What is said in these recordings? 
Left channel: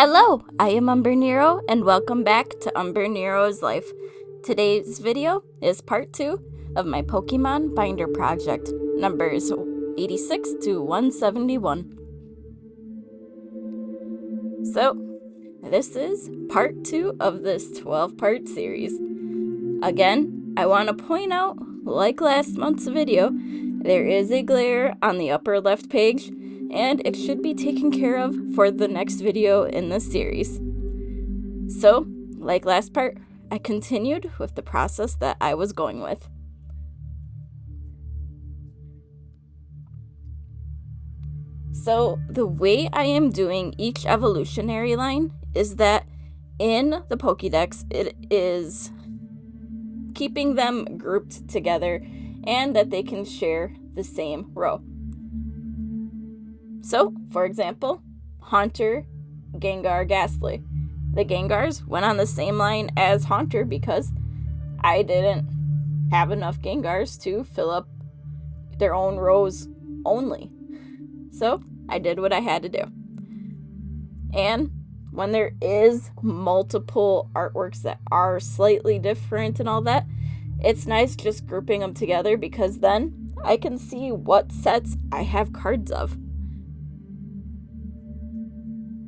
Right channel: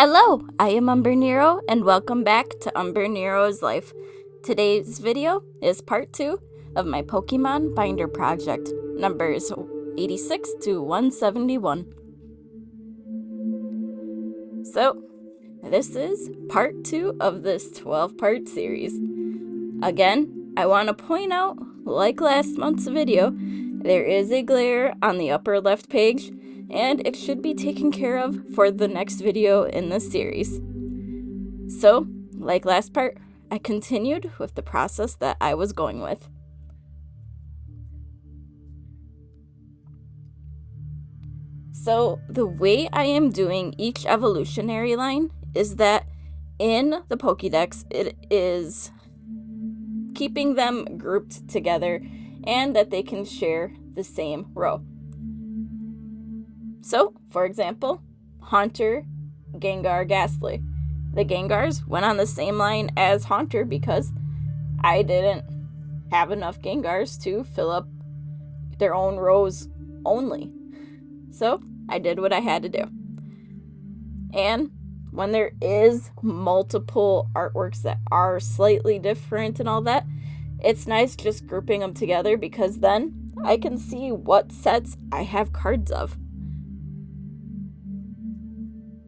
Hello, I am Umbrenero and welcome back to Umbrenero's Life. Today's video is part 2 of my Pokemon Binder project, numbers 86 to 171. So, this is part 2 of this 12-part series. Again, I want to point out, like last month's video, there is a glare on the upper left page, and it should be taken care of for the next video in this series. So, like last part, I continued with the process that I was going with. So, the way I am doing each evolutionary line is that in the Pokedex, it is keeping them grouped together and that they can share the same row. So, for example, Haunter, Gengar, Ghastly. The Gengars went on the same line as Haunter because I didn't have enough Gengars to fill up their own rows only. So I did what I had to do. And when there is multiple artworks that are slightly different and all that, it's nice just grouping them together because then I can see what sets I have cards of.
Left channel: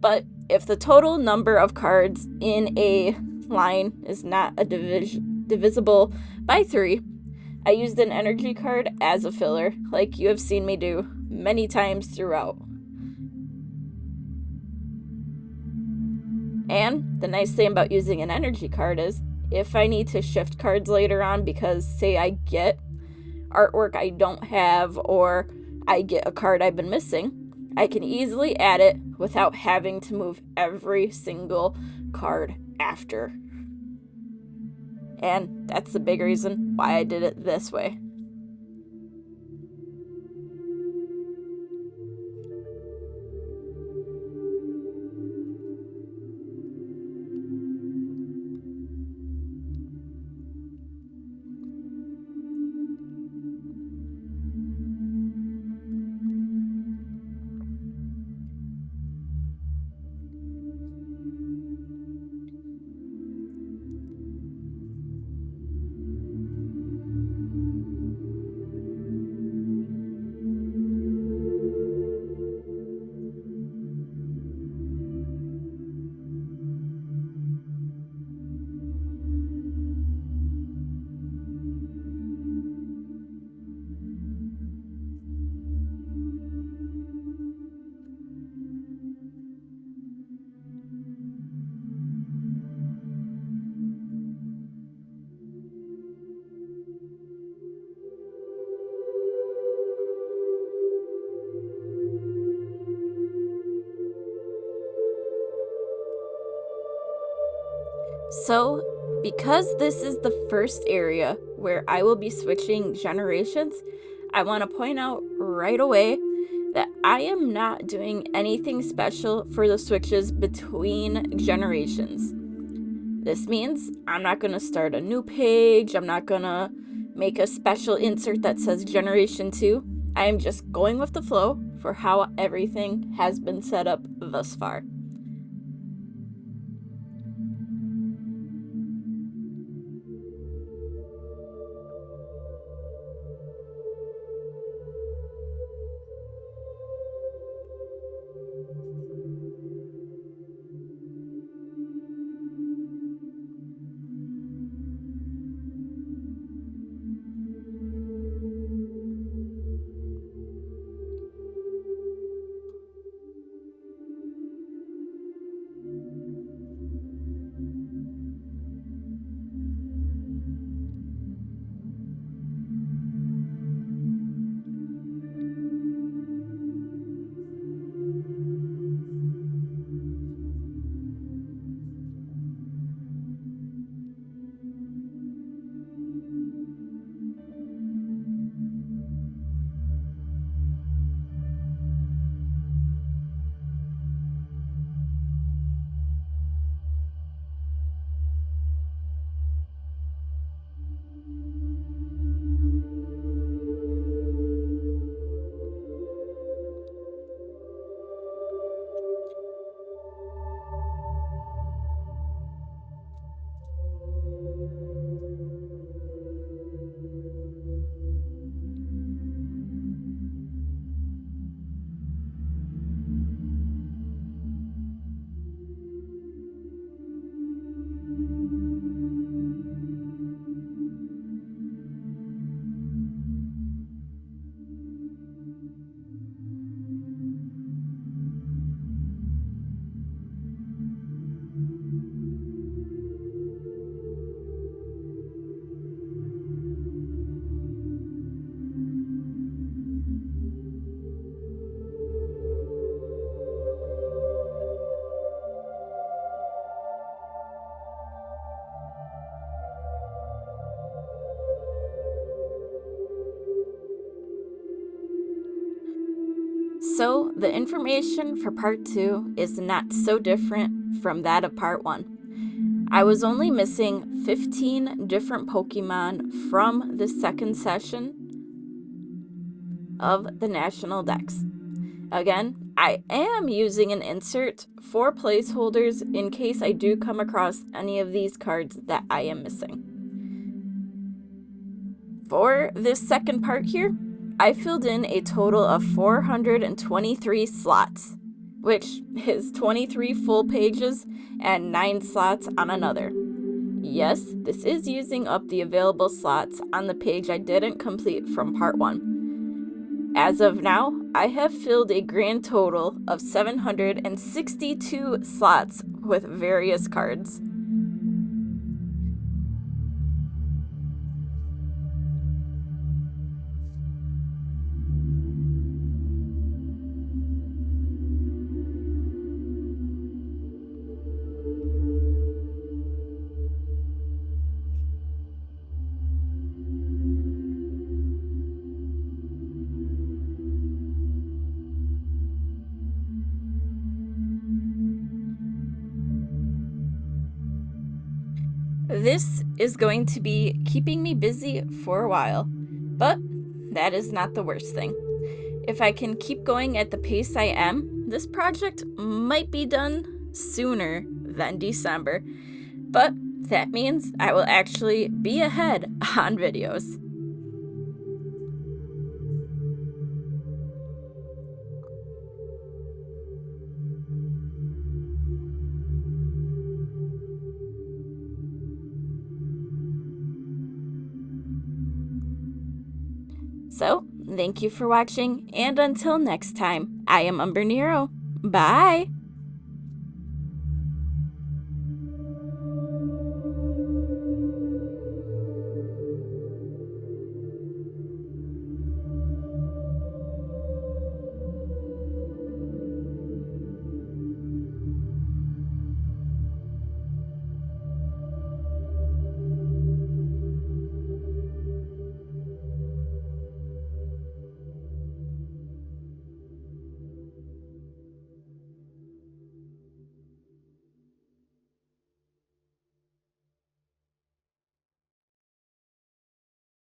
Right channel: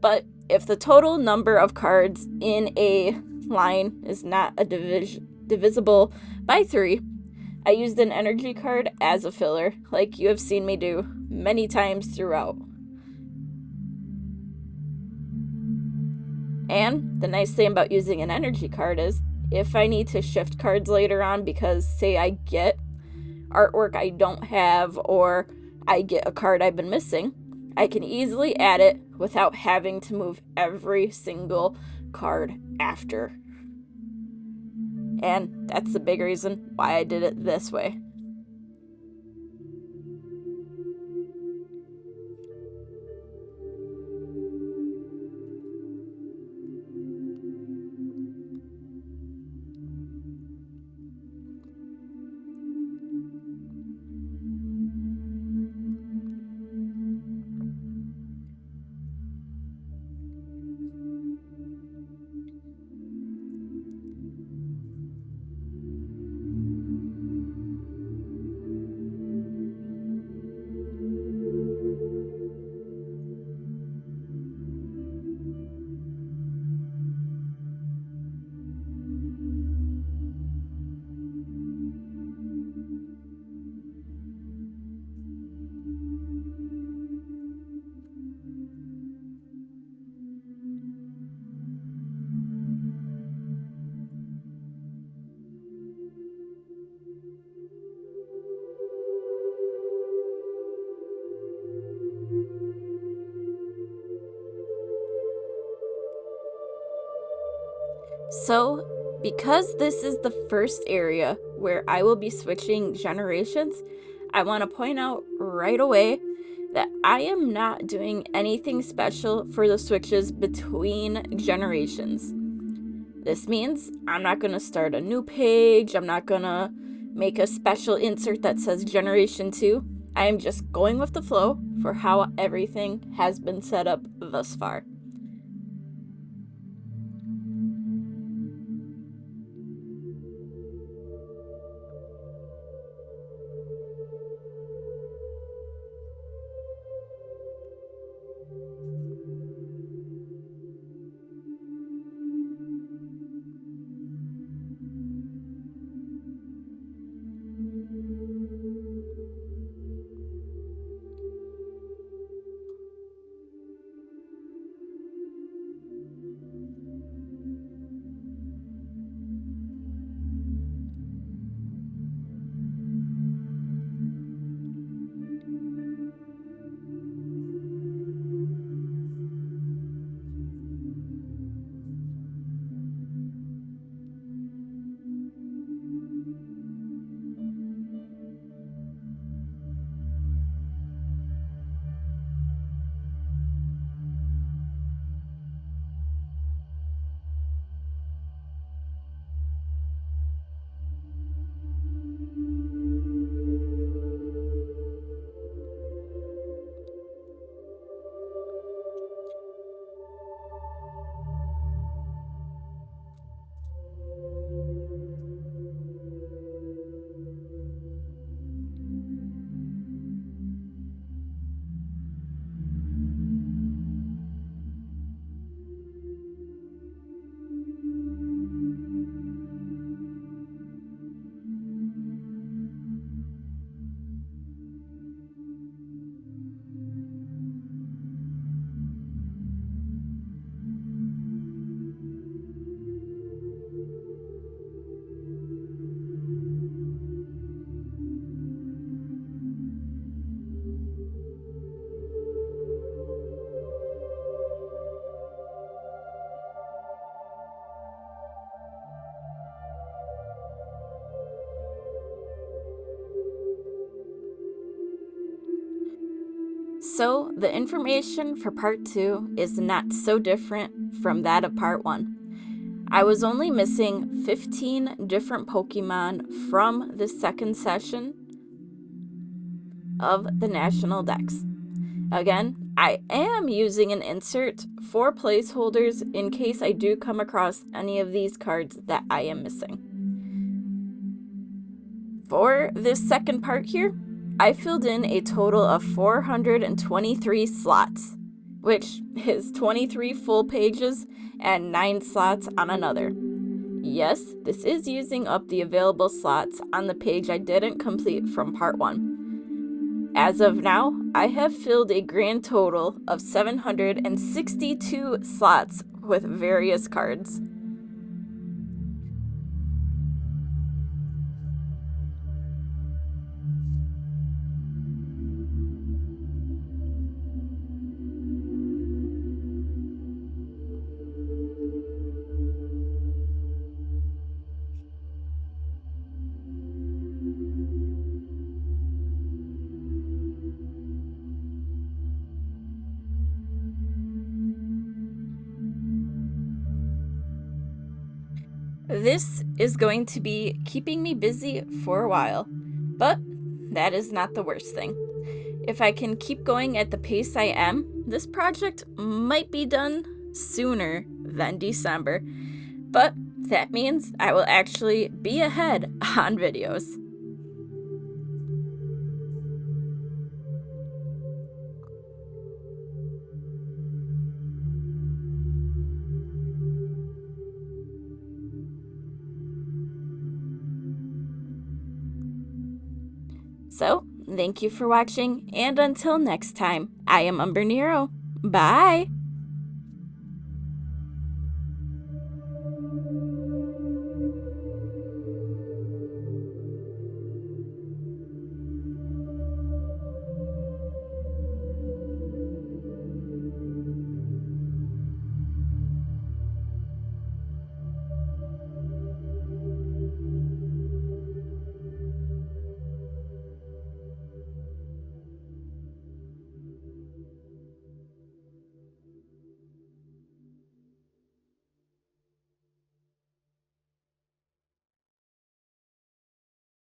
But if the total number of cards in a line is not divisible by 3, I used an energy card as a filler, like you have seen me do many times throughout. And the nice thing about using an energy card is, if I need to shift cards later on because, say, I get artwork I don't have or I get a card I've been missing, I can easily add it without having to move every single card after. And that's the big reason why I did it this way. So, because this is the first area where I will be switching generations, I want to point out right away that I am not doing anything special for the switches between generations. This means I'm not going to start a new page, I'm not going to make a special insert that says Generation 2. I am just going with the flow for how everything has been set up thus far. So the information for part 2 is not so different from that of part 1. I was only missing 15 different Pokemon from the second session of the National Dex. Again, I am using an insert for placeholders in case I do come across any of these cards that I am missing. For this second part here, I filled in a total of 423 slots, which is 23 full pages and 9 slots on another. Yes, this is using up the available slots on the page I didn't complete from part 1. As of now, I have filled a grand total of 762 slots with various cards. This is going to be keeping me busy for a while, but that is not the worst thing. If I can keep going at the pace I am, this project might be done sooner than December, but that means I will actually be ahead on videos. So, thank you for watching, and until next time, I am Umbrenero. Bye!